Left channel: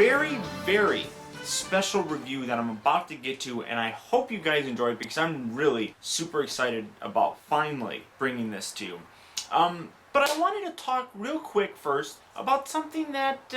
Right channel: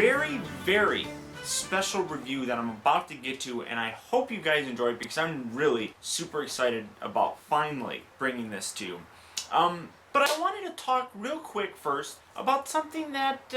very, very special review that I'm about to get to, and I hope you guys enjoy it because I'm really super excited about finally bringing this to you. But I wanted to talk real quick first about something that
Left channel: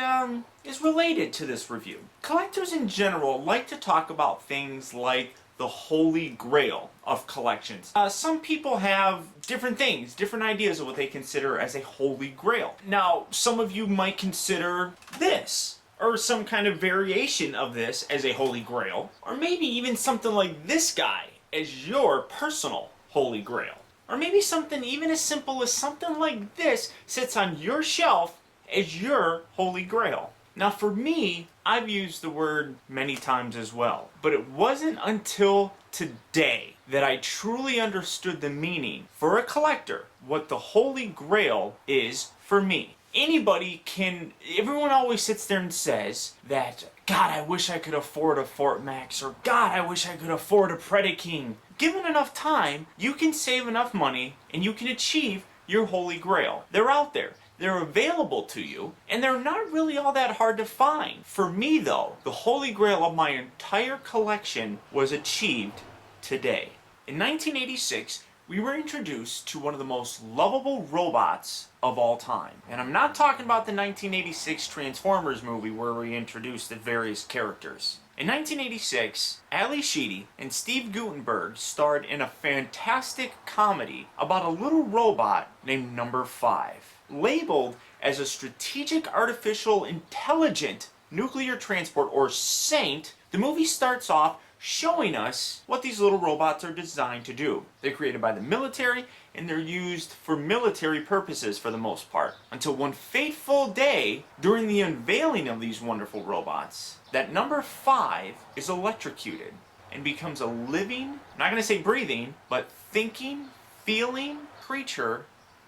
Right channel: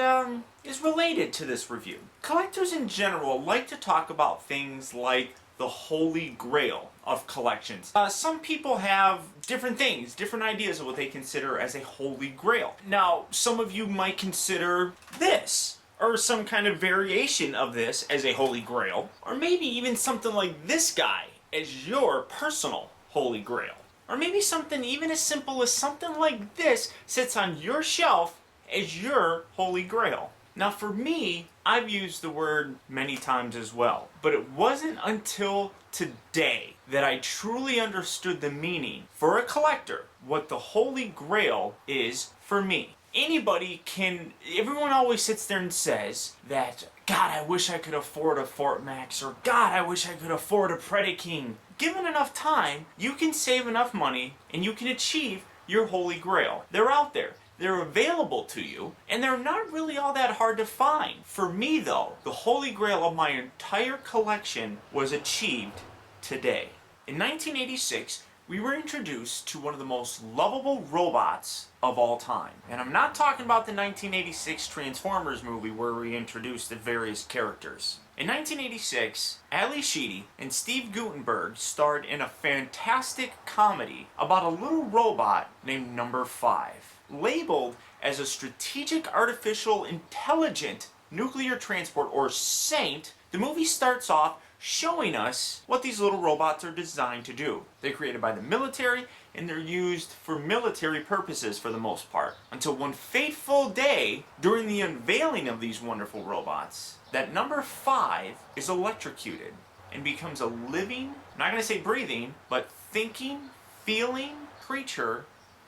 is related to this review. Collectors in general like to talk about things like the holy grail of collections. Some people have different things, different ideas of what they consider as a holy grail. Now, some of you might consider this, or some kind of variation of this as a holy grail, or maybe even something like this guy as your personal holy grail. Or maybe something even as simple as something like this sits on your shelf as your holy grail. Now for me, I've used the word many times as well, but it wasn't until today that I truly understood the meaning for a collector, what the holy grail is for me. Everyone always sits there and says that, God, I wish I could afford a Fort Max, or God, I wish I could afford a Predaking. Given enough time, you can save enough money and you can achieve your holy grail. They're out there. They're available to you, and they're not really all that hard to find. For me, though, the holy grail of my entire collection was achieved today. In 1986, we were introduced to one of the most lovable robots of all time. And I'm not talking about the 1986 Transformers movie where we introduced the various characters. In 1986, Ali Sheedy and Steve Guttenberg starred in a fantastic comedy about a little robot named Number 5. Labeled as a strategic artificial intelligent nuclear transport, or SAINT, the movie starts off showing us what these little robots are designed to do. They're created by the military, and they're used for military purposes for the most part. Until one fateful day, during the unveiling of these wonderful robots, that Number 5 is electrocuted and becomes a living, I'm not going to say breathing, but thinking, feeling creature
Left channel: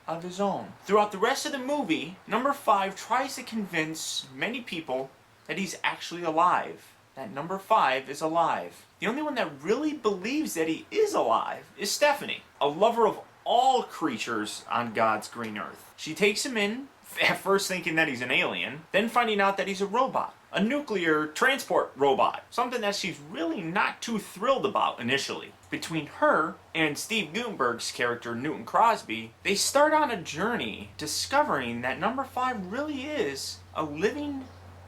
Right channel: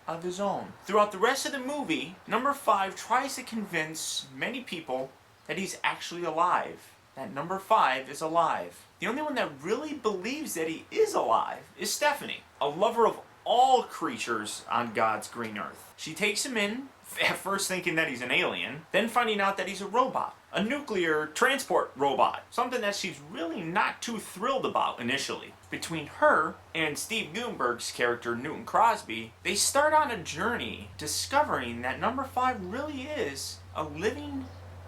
of his own. Throughout the rest of the movie, Number 5 tries to convince many people that he's actually alive. That Number 5 is alive. The only one that really believes that he is alive is Stephanie, a lover of all creatures on God's green earth. She takes him in, at first thinking that he's an alien, then finding out that he's a robot. A nuclear transport robot. Something that she's really not too thrilled about initially. Between her and Steve Guttenberg's character, Newton Crosby, they start on a journey discovering that Number 5 really is a living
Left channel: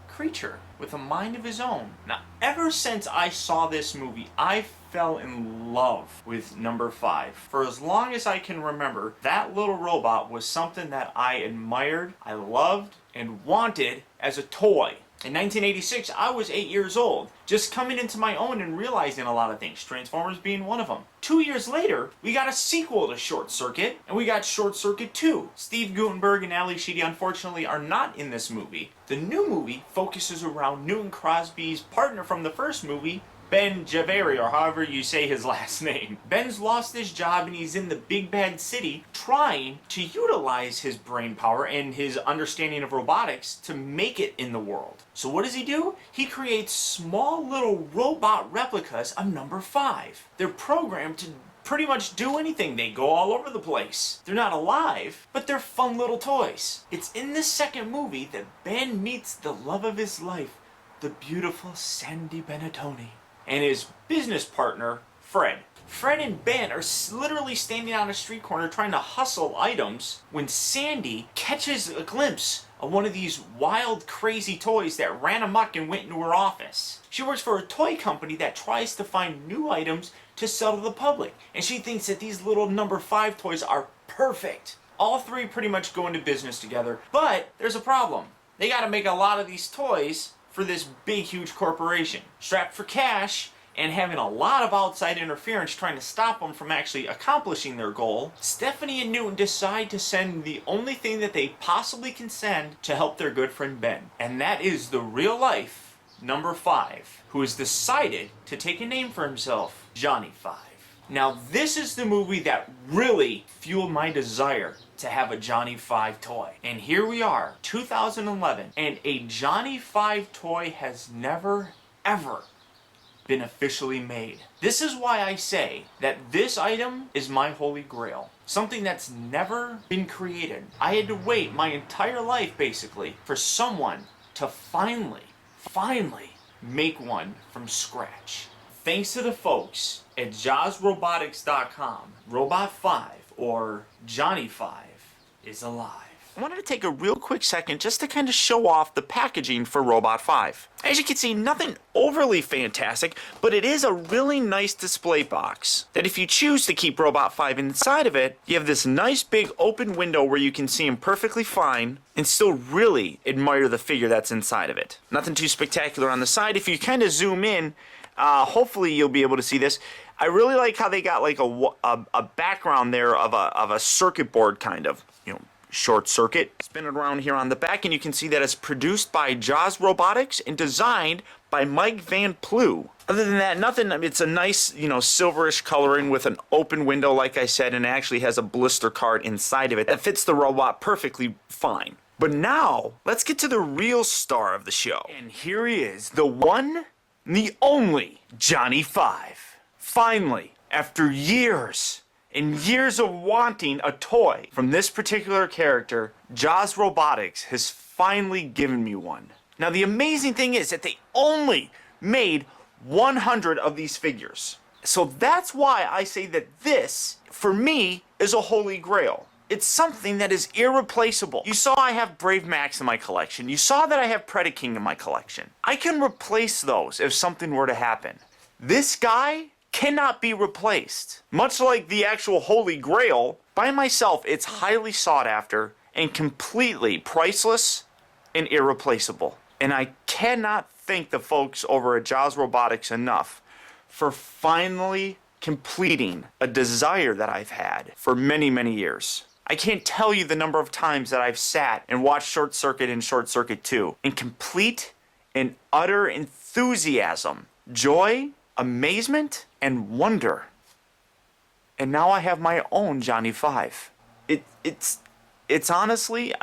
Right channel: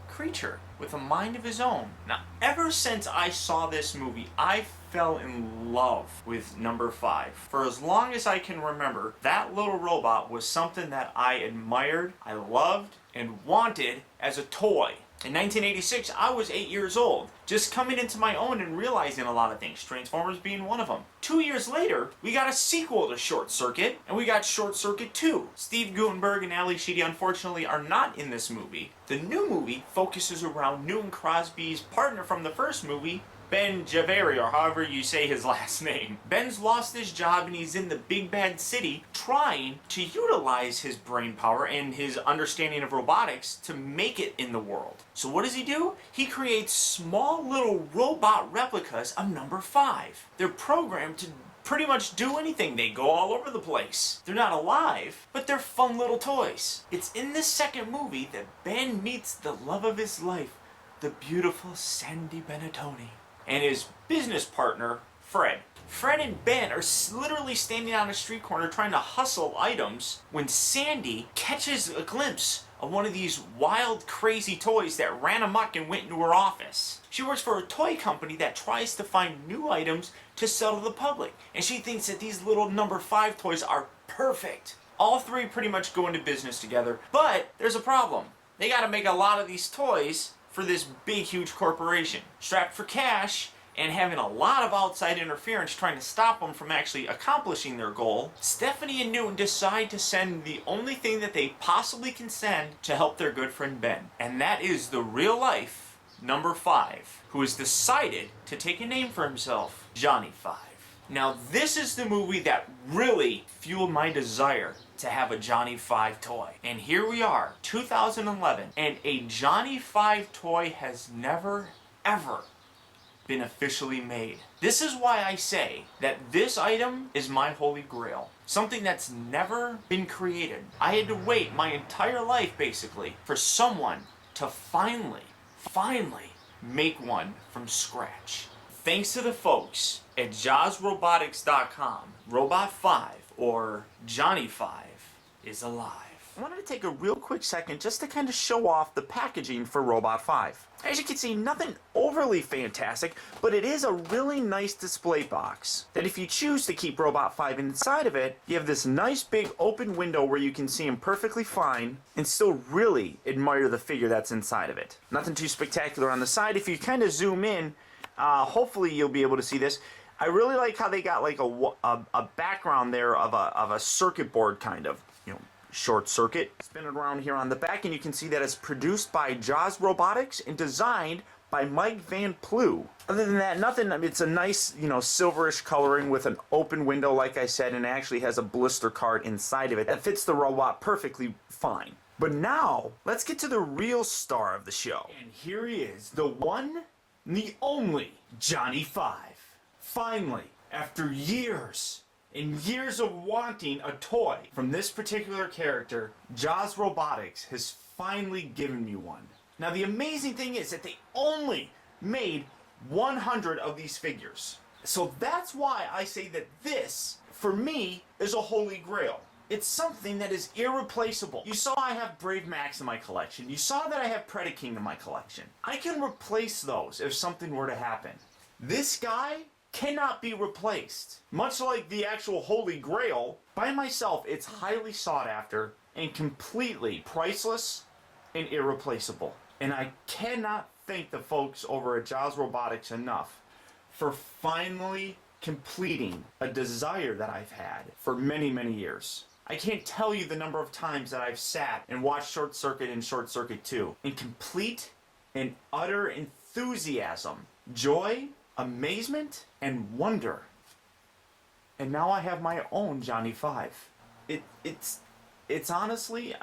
creature with a mind of his own. Now, ever since I saw this movie, I fell in love with Number 5. For as long as I can remember, that little robot was something that I admired, I loved, and wanted as a toy. In 1986, I was 8 years old, just coming into my own and realizing a lot of things, Transformers being one of them. 2 years later, we got a sequel to Short Circuit, and we got Short Circuit 2. Steve Guttenberg and Ali Sheedy, unfortunately, are not in this movie. The new movie focuses around Newton Crosby's partner from the first movie, Ben Javeri, or however you say his last name. Ben's lost his job and he's in the big bad city trying to utilize his brain power and his understanding of robotics to make it in the world. So what does he do? He creates small little robot replicas of Number 5. They're programmed to pretty much do anything. They go all over the place. They're not alive, but they're fun little toys. It's in this second movie that Ben meets the love of his life, the beautiful Sandy Benettoni, and his business partner, Fred. Fred and Ben are literally standing on a street corner trying to hustle items when Sandy catches a glimpse of one of these wild, crazy toys that ran amok and went into her office. She works for a toy company that tries to find new items to sell to the public, and she thinks that these little Number 5 toys are perfect. All three pretty much go into business together, but there's a problem. They gotta make a lot of these toys for this big, huge corporation. Strapped for cash and having a lot of outside interference trying to stop them from actually accomplishing their goal, Stephanie and Newton decide to send the only thing that they possibly can send to help their good friend Ben. And that is the real life Number 5, who has decided to take a name for himself, Johnny 5. Now this is the movie that really fueled my desire to have a Johnny 5 toy. And here we are, 2011, and a Johnny 5 toy has never, ever been officially made. This is why I say that this item is my holy grail. Something that's never been created. I had to wait my entire life, basically, for someone to finally finally make one from scratch. Thanks to the folks at JawsRobotics.com, Robot 5, or Johnny 5, is alive. I wanted to take a real quick second just to kind of show off the packaging for Robot 5. As you can see, nothing overly fantastic, but it is a really nice display box that if you choose to keep Robot 5 inside of it, you have this nice big open window where you can see him perfectly fine and still really admire the figure that's inside of it. Nothing too spectacular on the side. If you kind of zoom in, hopefully you'll be able to see this. I really like how they got like a background there of a circuit board kind of, short circuit. Spin it around here on the back and you can see that it's produced by Jaws Robotics and designed by Mike Van Plew. Other than that, nothing. It's a nice, silverish coloring with an open window, like I said, and it actually has a blister card inside of it that fits the robot perfectly fine. But now, let's get to the real star of the show. And here he is, the one, the only Johnny 5. Finally, after years and years of wanting a toy from this particular character, Jaws Robotics has finally given me one. Now the amazing thing is that they only made 100 of these figures. So that's why I say that this, for me, is a holy grail. It's something that is irreplaceable. You saw I have Brave Max in my collection. You saw that I have Predaking in my collection. I can replace those if something were to happen. This guy cannot be replaced. Much like the actual Holy Grail, by myself it's highly sought after and completely priceless and irreplaceable. And I cannot thank the folks over at Jaws Robotics enough for finally completing a desire that I've had for many, many years. I can't tell you the number of times that I've sat and watched Short Circuit and Short Circuit 2 in complete and utter enthusiasm, joy, amazement, and wonder. And now I have my own Johnny 5. It's honestly,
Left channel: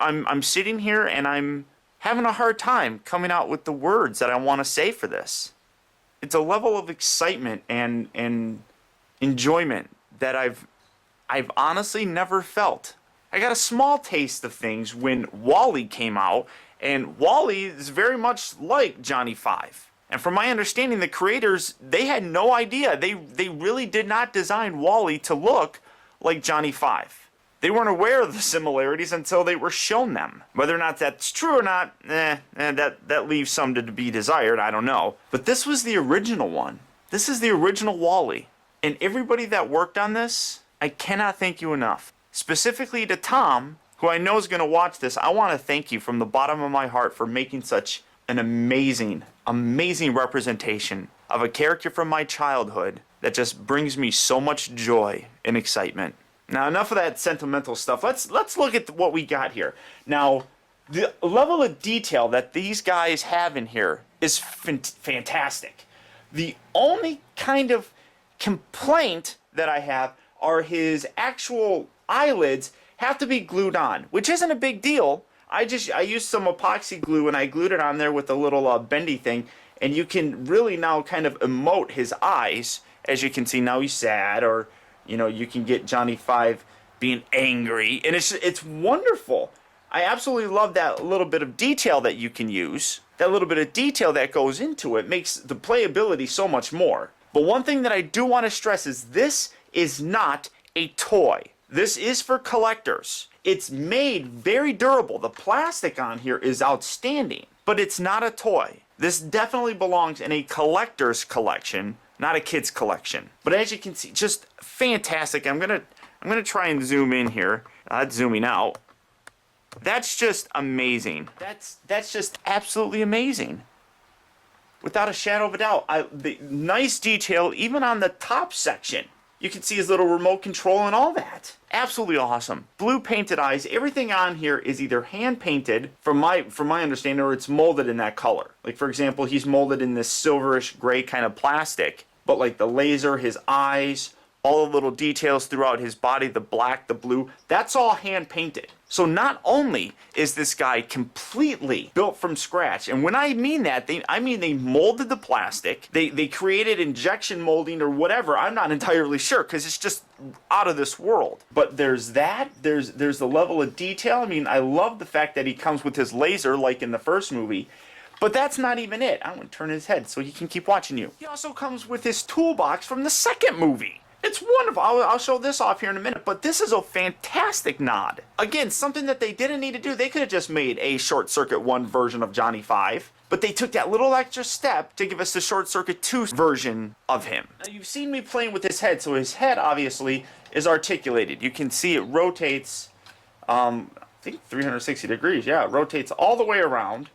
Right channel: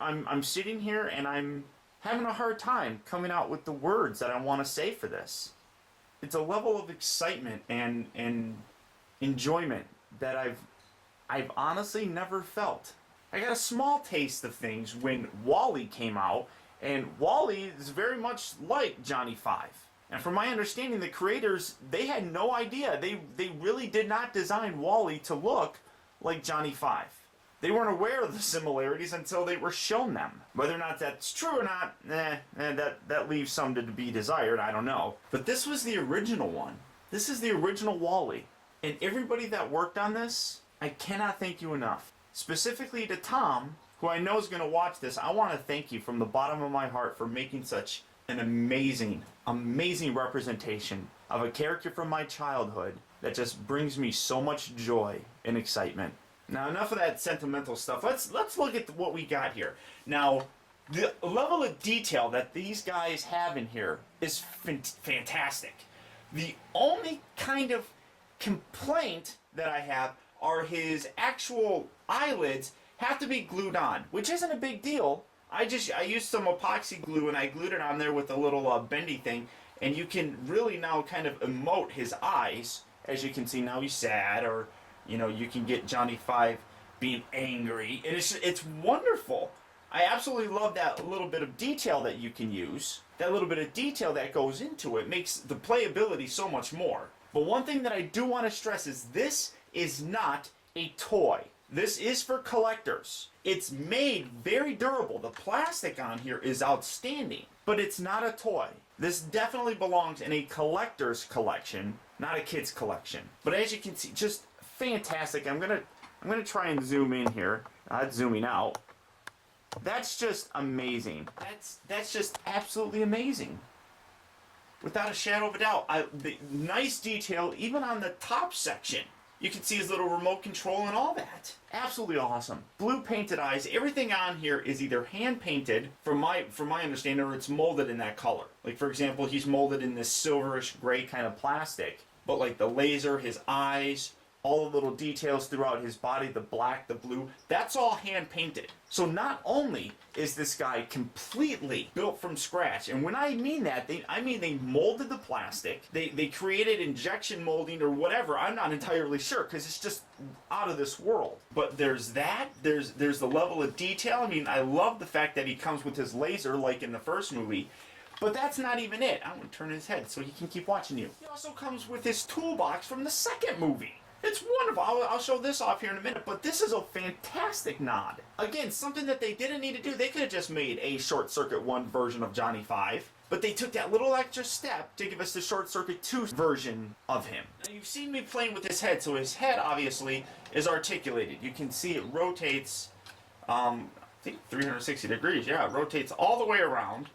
I'm sitting here and I'm having a hard time coming out with the words that I want to say for this. It's a level of excitement and enjoyment that I've honestly never felt. I got a small taste of things when Wally came out, and Wally is very much like Johnny 5. And from my understanding, the creators, they had no idea. They really did not design Wally to look like Johnny 5. They weren't aware of the similarities until they were shown them. Whether or not that's true or not, that leaves some to be desired, I don't know. But this was the original one. This is the original Wally. And everybody that worked on this, I cannot thank you enough. Specifically to Tom, who I know is going to watch this, I want to thank you from the bottom of my heart for making such an amazing, amazing representation of a character from my childhood that just brings me so much joy and excitement. Now, enough of that sentimental stuff. Let's look at what we got here. Now, the level of detail that these guys have in here is fantastic. The only kind of complaint that I have are his actual eyelids have to be glued on, which isn't a big deal. I used some epoxy glue and I glued it on there with a little bendy thing, and you can really now kind of emote his eyes. As you can see, now he's sad, or you can get Johnny 5 being angry, and it's wonderful. I absolutely love that little bit of detail that you can use. That little bit of detail that goes into it makes the playability so much more. But one thing that I do want to stress is this is not a toy. This is for collectors. It's made very durable. The plastic on here is outstanding, but it's not a toy. This definitely belongs in a collector's collection, not a kid's collection. But as you can see, just fantastic. I'm gonna try and zoom in here. That's zooming out. That's just amazing. That's just absolutely amazing. Without a shadow of a doubt. The nice detail even on the top section. You can see his little remote control and all that. Absolutely awesome. Blue painted eyes. Everything on here is either hand painted, from my understanding, or it's molded in that color. Like, for example, he's molded in this silverish gray kind of plastic. But like the laser, his eyes, all the little details throughout his body, the black, the blue, that's all hand painted. So not only is this guy completely built from scratch, and when I mean that, I mean they molded the plastic, they created injection molding or whatever, I'm not entirely sure, because it's just out of this world. But there's that, there's the level of detail. I mean, I love the fact that he comes with his laser like in the first movie, But that's not even it. I want to turn his head so he can keep watching you. He also comes with his toolbox from the second movie. It's wonderful. I'll show this off here in a minute, but this is a fantastic nod. Again, something that they didn't need to do. They could have just made a Short Circuit 1 version of Johnny Five, but they took that little extra step to give us the Short Circuit 2 version of him. Now, you've seen me playing with his head, so his head obviously is articulated. You can see it rotates, I think 360 degrees. Yeah, it rotates all the way around.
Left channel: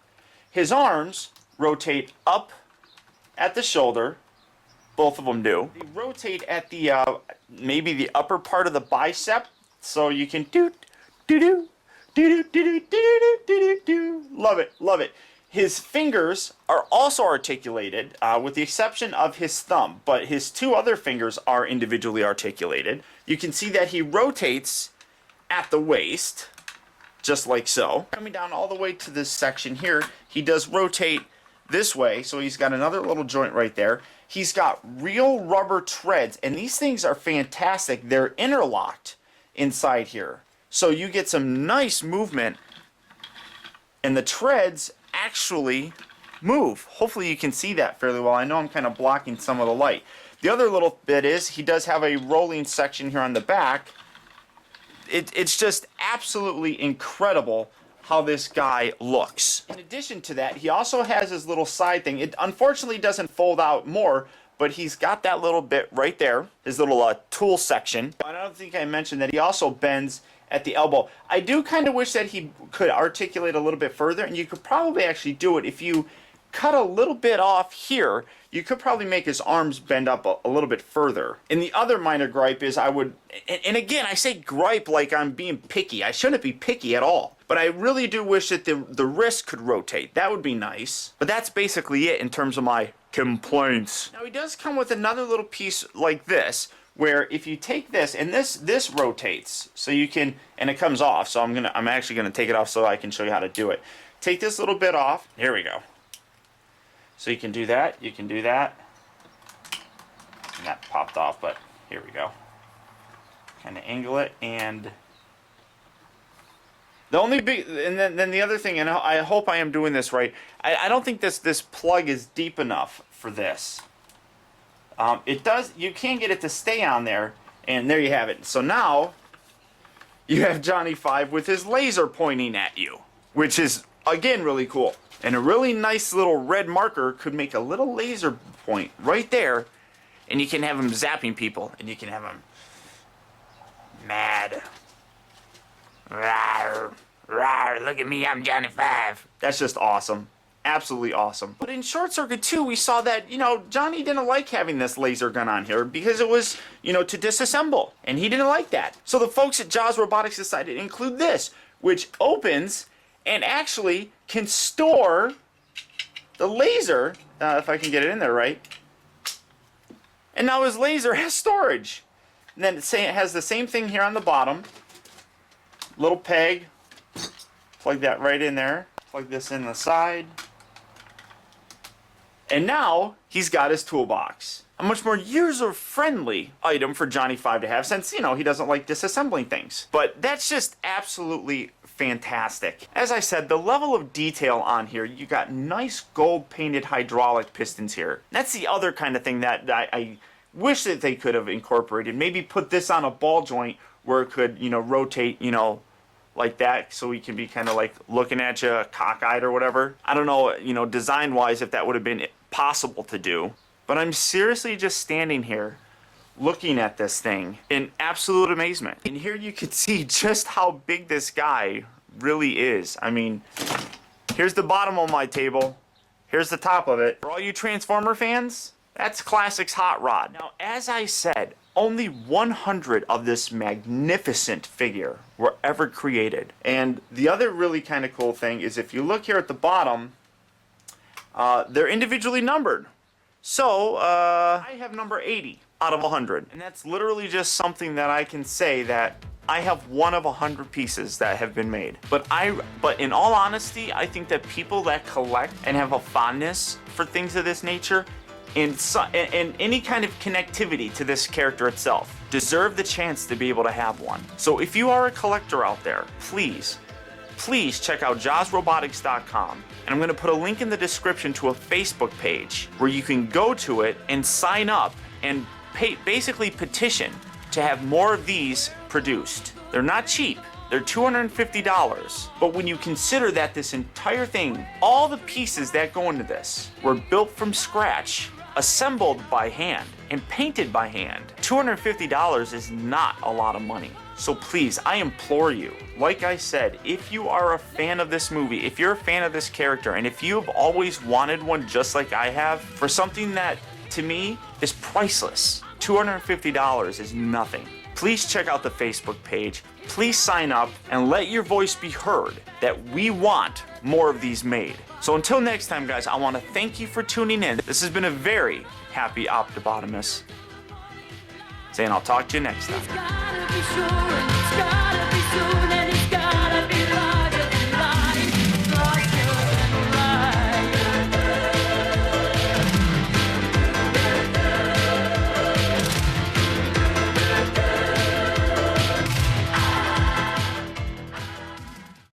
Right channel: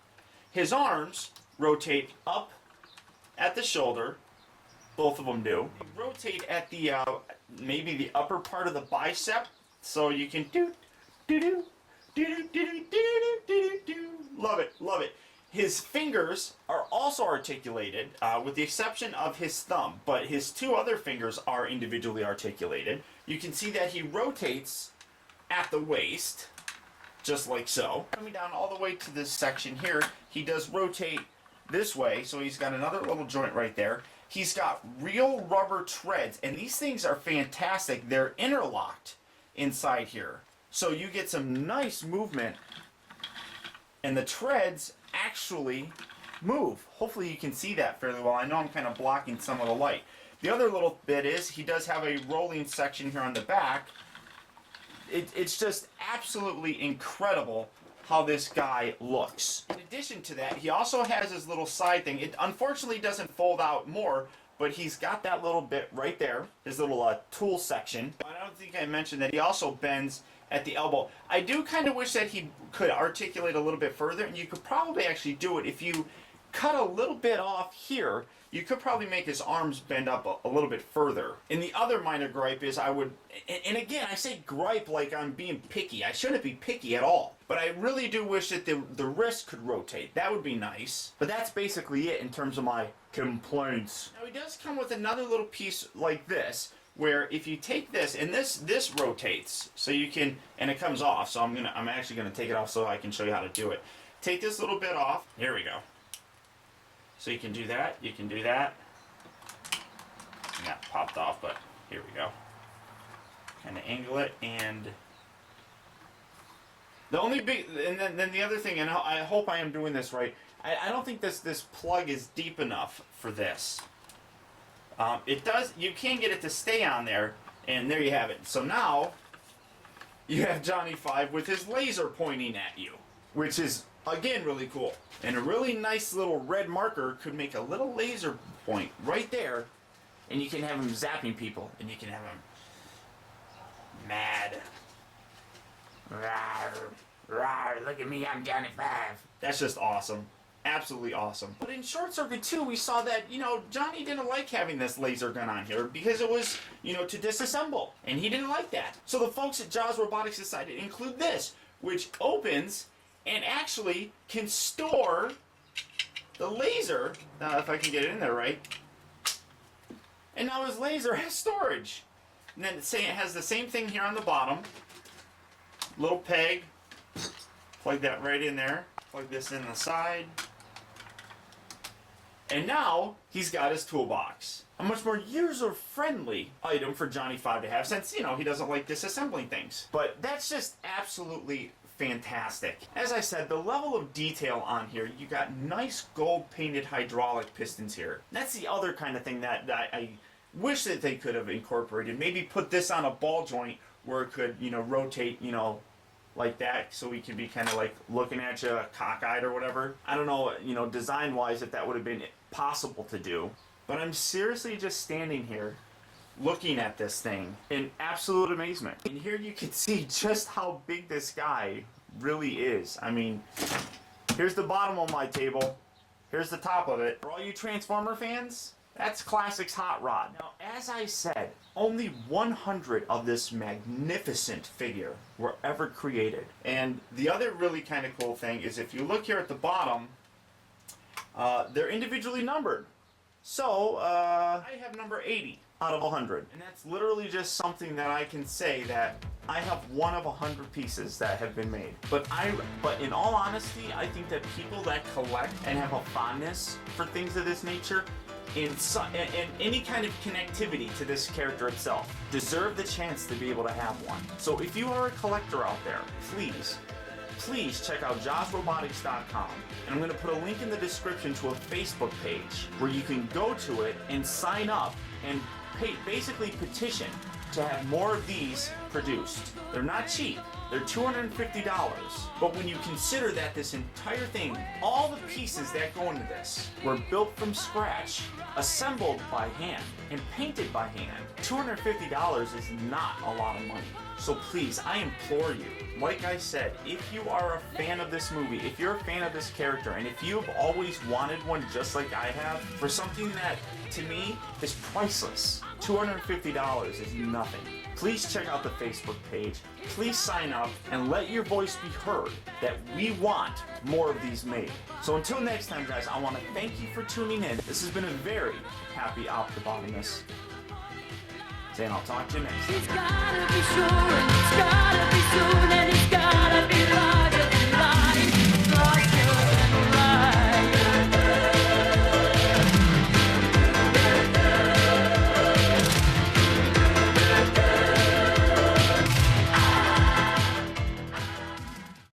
His arms rotate up at the shoulder. Both of them do. They rotate at the, maybe the upper part of the bicep, so you can do. Love it, love it. His fingers are also articulated, with the exception of his thumb, but his two other fingers are individually articulated. You can see that he rotates at the waist, just like so. Coming down all the way to this section here, he does rotate this way, so he's got another little joint right there. He's got real rubber treads, and these things are fantastic. They're interlocked inside here, so you get some nice movement, and the treads actually move. Hopefully you can see that fairly well. I know I'm kind of blocking some of the light. The other little bit is he does have a rolling section here on the back. It's just absolutely incredible how this guy looks. In addition to that, he also has his little side thing. It unfortunately doesn't fold out more, but he's got that little bit right there, his little tool section. I don't think I mentioned that he also bends at the elbow. I do kind of wish that he could articulate a little bit further, and you could probably actually do it if you cut a little bit off here. You could probably make his arms bend up a little bit further. And the other minor gripe is I would, and again, I say gripe like I'm being picky. I shouldn't be picky at all. But I really do wish that the wrist could rotate. That would be nice. But that's basically it in terms of my complaints. Now he does come with another little piece like this, where if you take this, and this rotates, so you can, and it comes off, so I'm actually gonna take it off so I can show you how to do it. Take this little bit off. Here we go. So you can do that, you can do that. And that popped off, but here we go. Kind of angle it, and the only big, and then the other thing, and I hope I am doing this right, I don't think this plug is deep enough for this. It does, you can get it to stay on there, and there you have it. So now, you have Johnny Five with his laser pointing at you, which is, again, really cool. And a really nice little red marker could make a little laser point right there, and you can have him zapping people, and you can have him mad. Rawr, rawr, look at me, I'm Johnny Five. That's just awesome. Absolutely awesome. But in Short Circuit 2, we saw that, Johnny didn't like having this laser gun on here because it was, to disassemble. And he didn't like that. So the folks at Jaws Robotics decided to include this, which opens and actually can store the laser, if I can get it in there right. And now his laser has storage. And then it has the same thing here on the bottom. Little peg. Plug that right in there. Plug this in the side. And now he's got his toolbox. A much more user-friendly item for Johnny Five to have since, he doesn't like disassembling things. But that's just absolutely fantastic. As I said, the level of detail on here, you got nice gold-painted hydraulic pistons here. That's the other kind of thing that I wish that they could have incorporated. Maybe put this on a ball joint where it could, rotate, like that, so we can be kind of like looking at you cockeyed or whatever. I don't know, design-wise, if that would have been possible to do. But I'm seriously just standing here looking at this thing in absolute amazement. And here you can see just how big this guy really is. I mean, here's the bottom of my table. Here's the top of it. For all you Transformer fans, that's Classics Hot Rod. Now, as I said, only 100 of this magnificent figure were ever created. And the other really kind of cool thing is if you look here at the bottom, they're individually numbered. So, I have number 80 out of 100. And that's literally just something that I can say that I have one of 100 pieces that have been made. But in all honesty, I think that people that collect and have a fondness for things of this nature and any kind of connectivity to this character itself deserve the chance to be able to have one. So if you are a collector out there, please please check out jawsrobotics.com, and I'm going to put a link in the description to a Facebook page where you can go to it and sign up and basically petition to have more of these produced. They're not cheap. They're $250, but when you consider that this entire thing, all the pieces that go into this were built from scratch, assembled by hand, and painted by hand, $250 is not a lot of money. So please, I implore you, like I said, if you are a fan of this movie, if you're a fan of this character, and if you've always wanted one just like I have, for something that, to me, is priceless, $250 is nothing. Please check out the Facebook page, please sign up, and let your voice be heard that we want more of these made. So until next time, guys, I want to thank you for tuning in. This has been a very happy optibotimus, saying I'll talk to you next time.